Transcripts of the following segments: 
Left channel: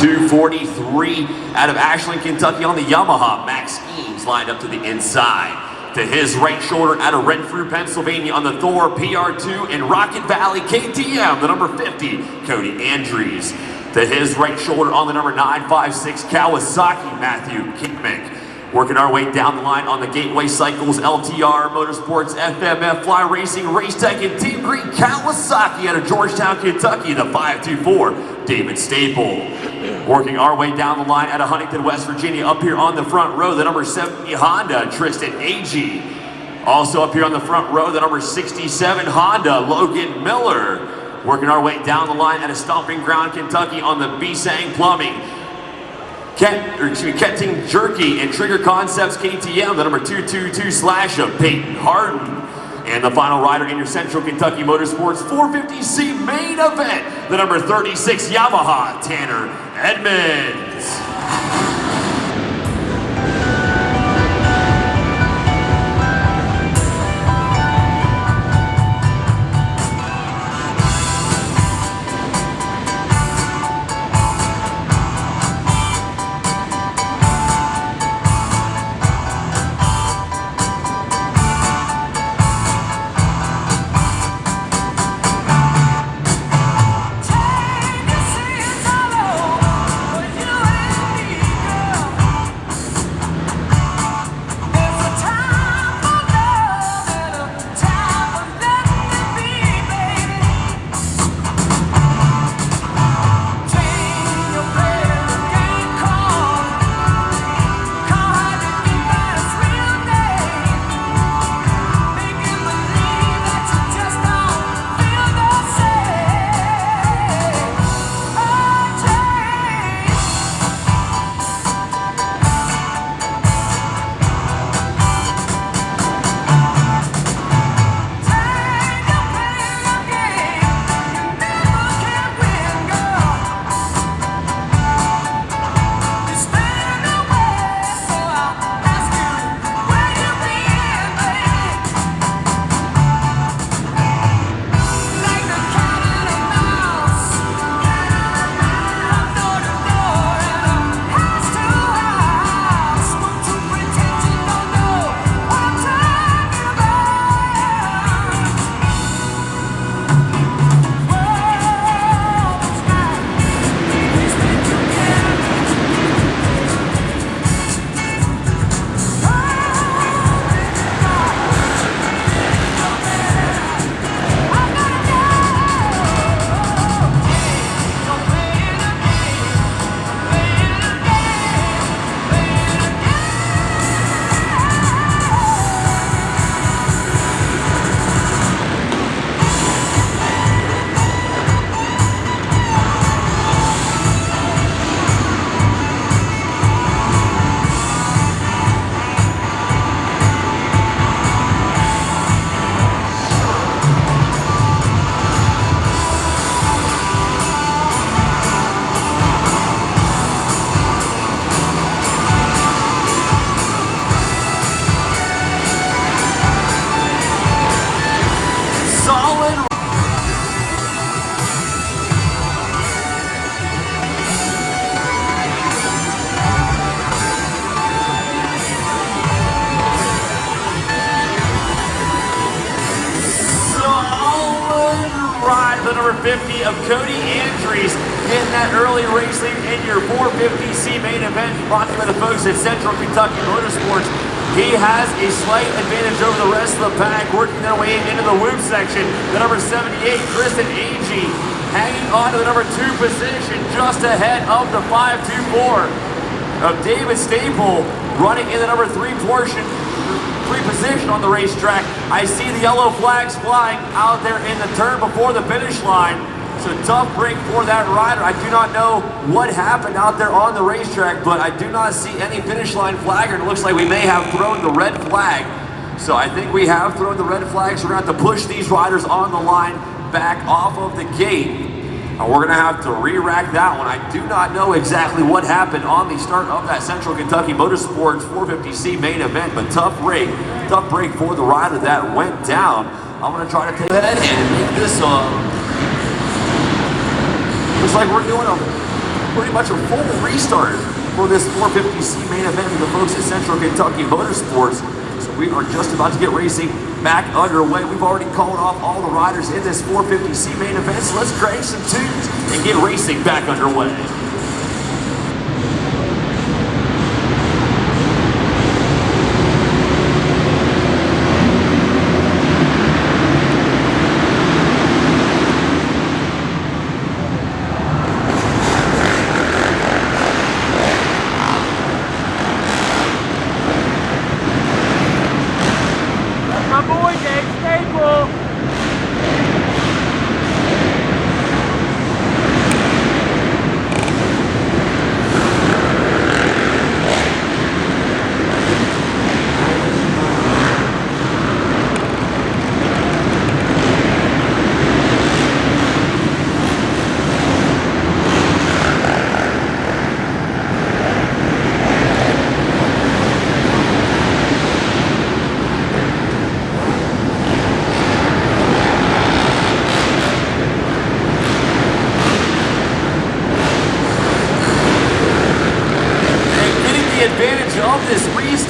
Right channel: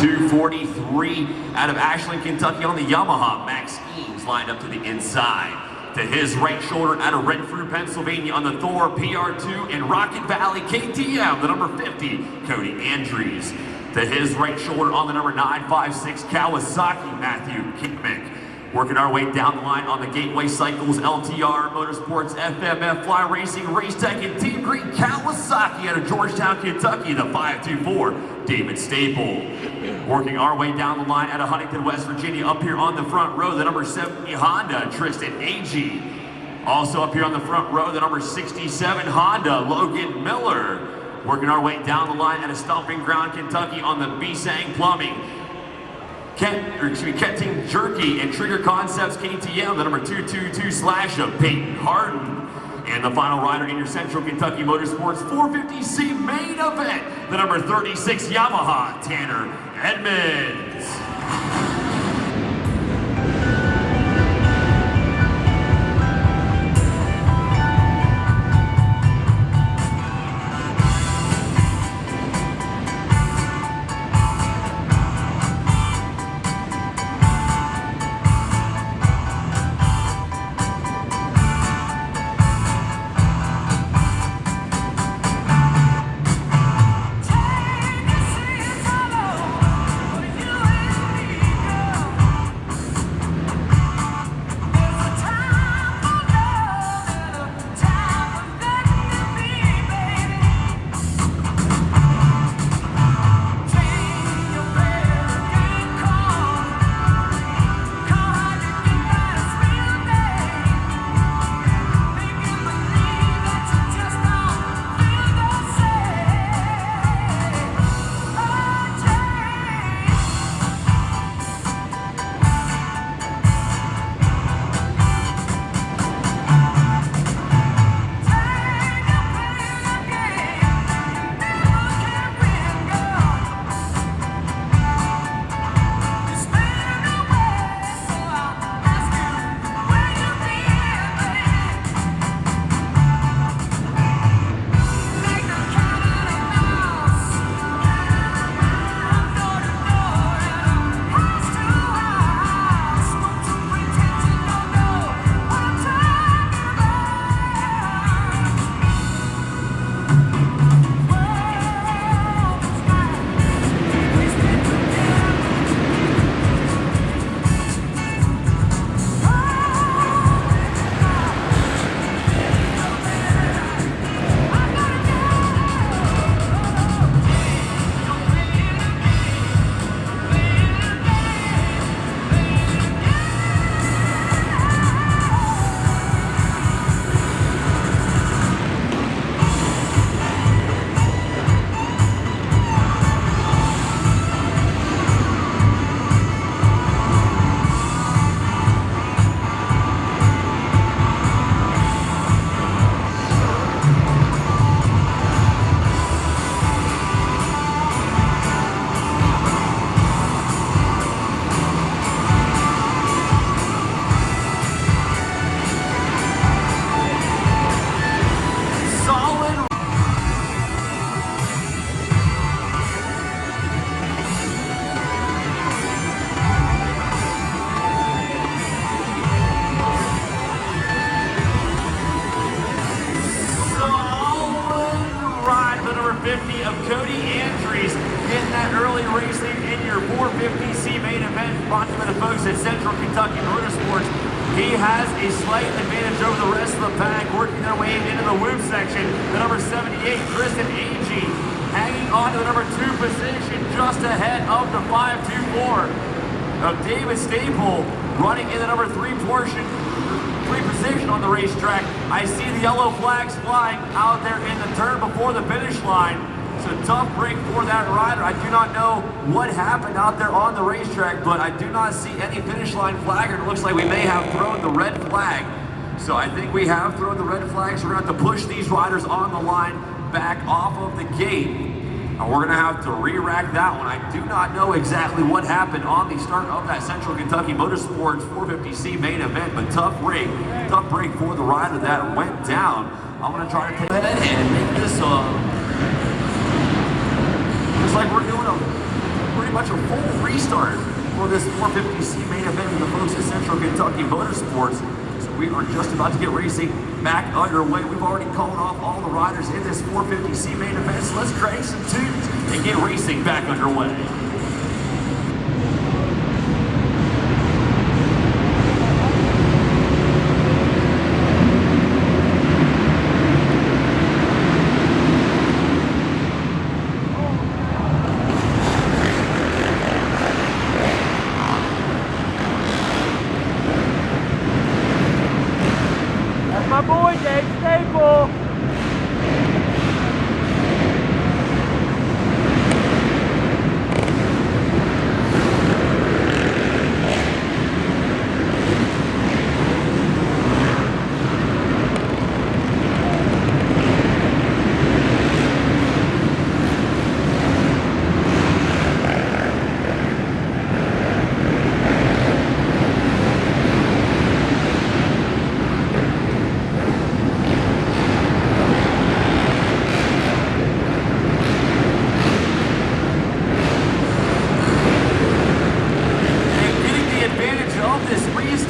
243 out of Ashland, Kentucky on the Yamaha. Max Schemes lined up to the inside. To his right shoulder out of Renfrew, Pennsylvania on the Thor PR2 in Rocket Valley KTM, the number 50, Cody Andrews. To his right shoulder on the number 956 Kawasaki, Matthew Kickmick. Working our way down the line on the Gateway Cycles, LTR, Motorsports, FMF, Fly Racing, Racetech, and Team Green Kawasaki out of Georgetown, Kentucky, the 524, David Staple. Working our way down the line out of Huntington, West Virginia, up here on the front row, the number 70 Honda, Tristan Agee. Also up here on the front row, the number 67 Honda, Logan Miller. Working our way down the line out of Stomping Ground, Kentucky on the Bisang Plumbing, Kenting Jerky and Trigger Concepts KTM, the number 222 Slasher, Peyton Harden. And the final rider in your Central Kentucky Motorsports 450C main event, the number 36 Yamaha, Tanner Edmonds. The number 50 of Cody Andrews getting that early racing in your 450C main event brought to the folks at Central Kentucky Motorsports. He has a slight advantage over the rest of the pack, working their way into the whoop section. The number 78, Tristan Agee, hanging on to the number 2 position just ahead of the 524 of David Staple, running in the number 3 position on the racetrack. I see the yellow flags flying out there in the turn before the finish line. It's a tough break for that rider. I do not know what happened out there on the racetrack, but I do not see any finish line flagger. It looks like we may have thrown the red flag. So I think we have thrown the red flag, so we're going to have to push these riders on the line back off of the gate. And we're going to have to re-rack that one. I do not know exactly what happened on the start of that Central Kentucky Motorsports 450C main event, but tough break for the rider that went down. I'm going to try to take ahead and get this up. Looks like we're pretty much a full restart for this 450C main event with the folks at Central Kentucky Motorsports. So we are just about to get racing back underway. We've already called off all the riders in this 450C main event, so let's crank some tunes and get racing back underway. My boy, Dave Staple.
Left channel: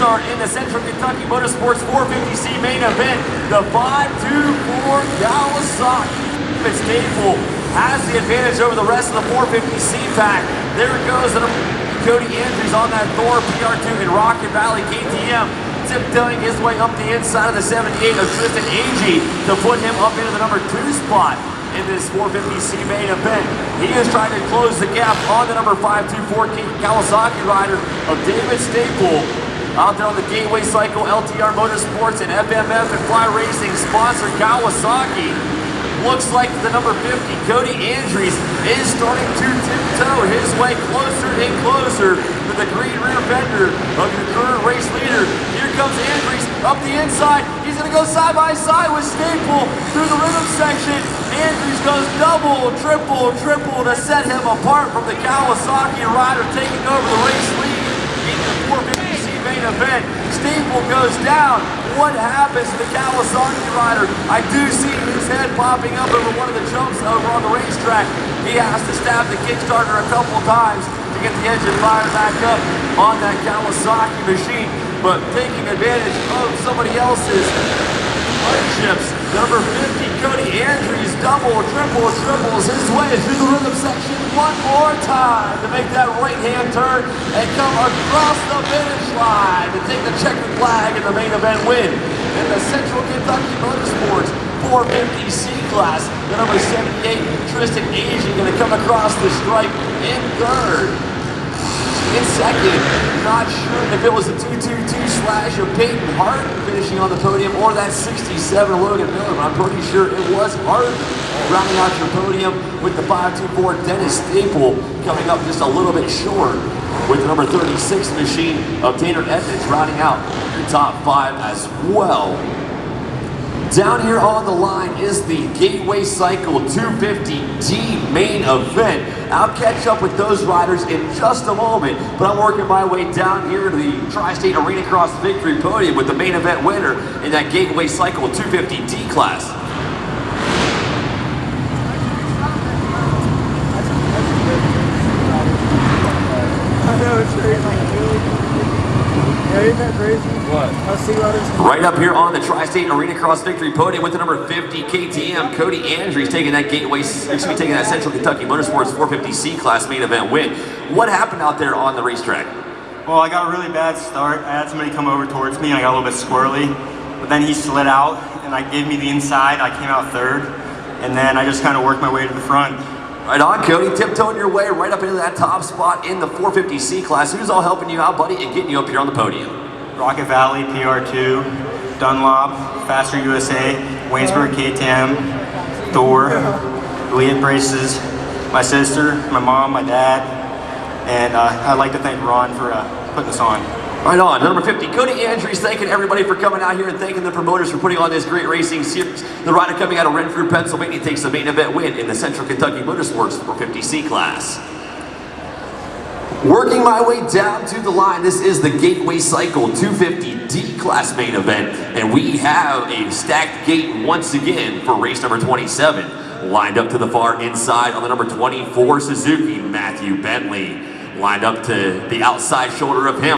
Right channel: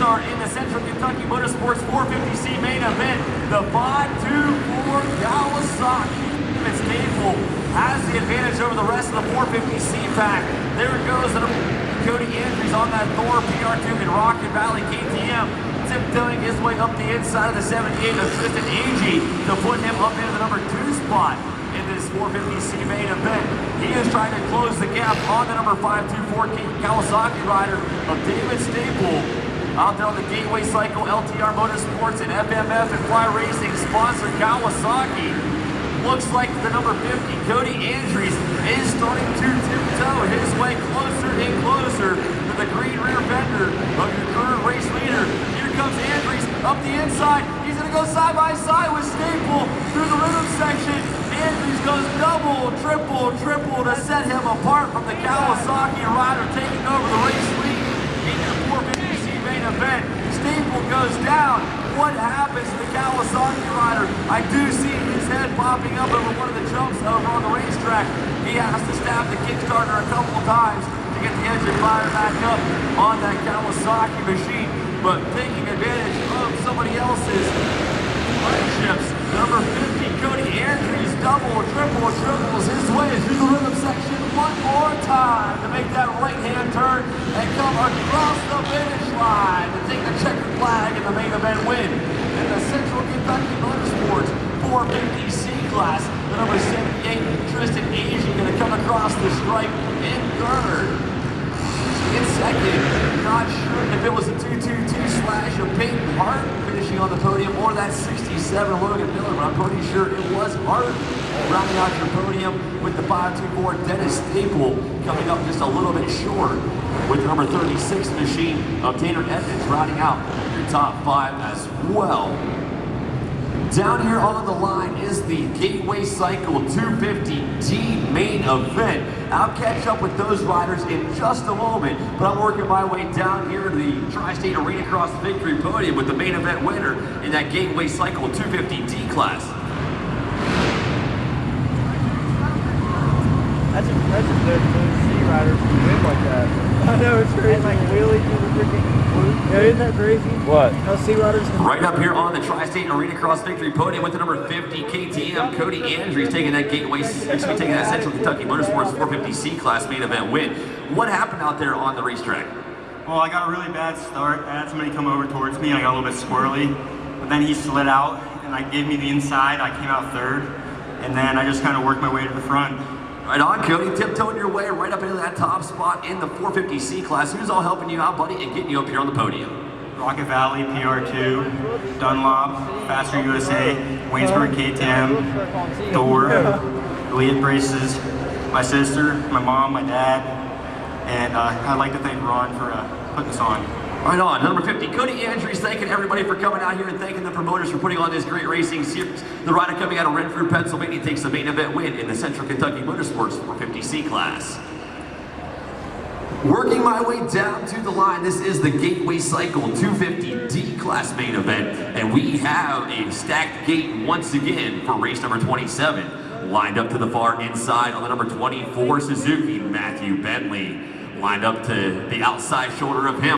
In the Central Kentucky Motorsports 450C main event, the 524 Kawasaki Staple has the advantage over the rest of the 450C pack. There goes Cody Andrews on that Thor PR2 in Rocket Valley KTM, tiptoeing his way up the inside of the 78 of Tristan Agee to put him up into the number 2 spot in this 450C main event. He is trying to close the gap on the number 524 Kawasaki rider of David Staple. Out there on the Gateway Cycle, LTR Motorsports, and FMF and Fly Racing sponsor Kawasaki. Looks like the number 50, Cody Andrews, is starting to tiptoe his way closer and closer to the green rim fender of the current race leader. Here comes Andrews up the inside. He's going to go side by side with Staple through the rhythm section. Andrews goes double, triple to set him apart from the Kawasaki rider taking over the race lead. Event. Staple goes down. What happens to the Kawasaki rider? I do see his head popping up over one of the jumps over on the racetrack. He has to stab the Kickstarter a couple of times to get the engine fired back up on that Kawasaki machine. But taking advantage of somebody else's chips. Number 50, Cody Andrews, triples his way through the rhythm section one more time to make that right-hand turn and come across the finish line to take the checkered flag in the main event win. In the Central Kentucky Motorsports 450C class, the number 78, Tristan Agee going to come across the stripe in third. In second, not sure if it was a 222 slash or Peyton Hart finishing on the podium or that 67 Logan Miller. I'm pretty sure it was Hart rounding out your podium with the 524 Dennis Staple coming up just a little bit short with the number 36 machine of Tanner Evans rounding out your top 5 as well. Down here on the line is the Gateway Cycle 250D main event. I'll catch up with those riders in just a moment, but I'm working my way down here to the Tri-State Arenacross victory podium with the main event winner in that Gateway Cycle 250D class. That's a good rider. I know, it's crazy. Like, really, yeah, isn't that crazy? What? How city riders can... Right up here on the Tri-State Arenacross victory podium with the number 50 KTM, Cody Andrews taking that taking that Central Kentucky Motorsports 450C class main event win. What happened out there on the racetrack? Well, I got a really bad start. I had somebody come over towards me. I got a little bit squirrely, but then he slid out and I gave me the inside. I came out third, and then I just kind of worked my way to the front. Right on, Cody, tiptoeing your way right up into that top spot in the 450C class. Who's all helping you out, buddy, and getting you up here on the podium? Rocket Valley, PR2, Dunlop, Faster USA, Waynesburg KTM, Thor, Elite Braces, my sister, my mom, my dad, and I'd like to thank Ron for putting this on. Right on, number 50, Cody Andrews, thanking everybody for coming out here and thanking the promoters for putting on this great racing series. The rider coming out of Renfrew, Pennsylvania takes the main event win in the Central Kentucky Motorsports 450C class. Working my way down to the line, this is the Gateway Cycle 250D class main event, and we have a stacked gate once again for race number 27. lined up to the far inside on the number 24 Suzuki, Matthew Bentley. Lined up to the outside shoulder of him.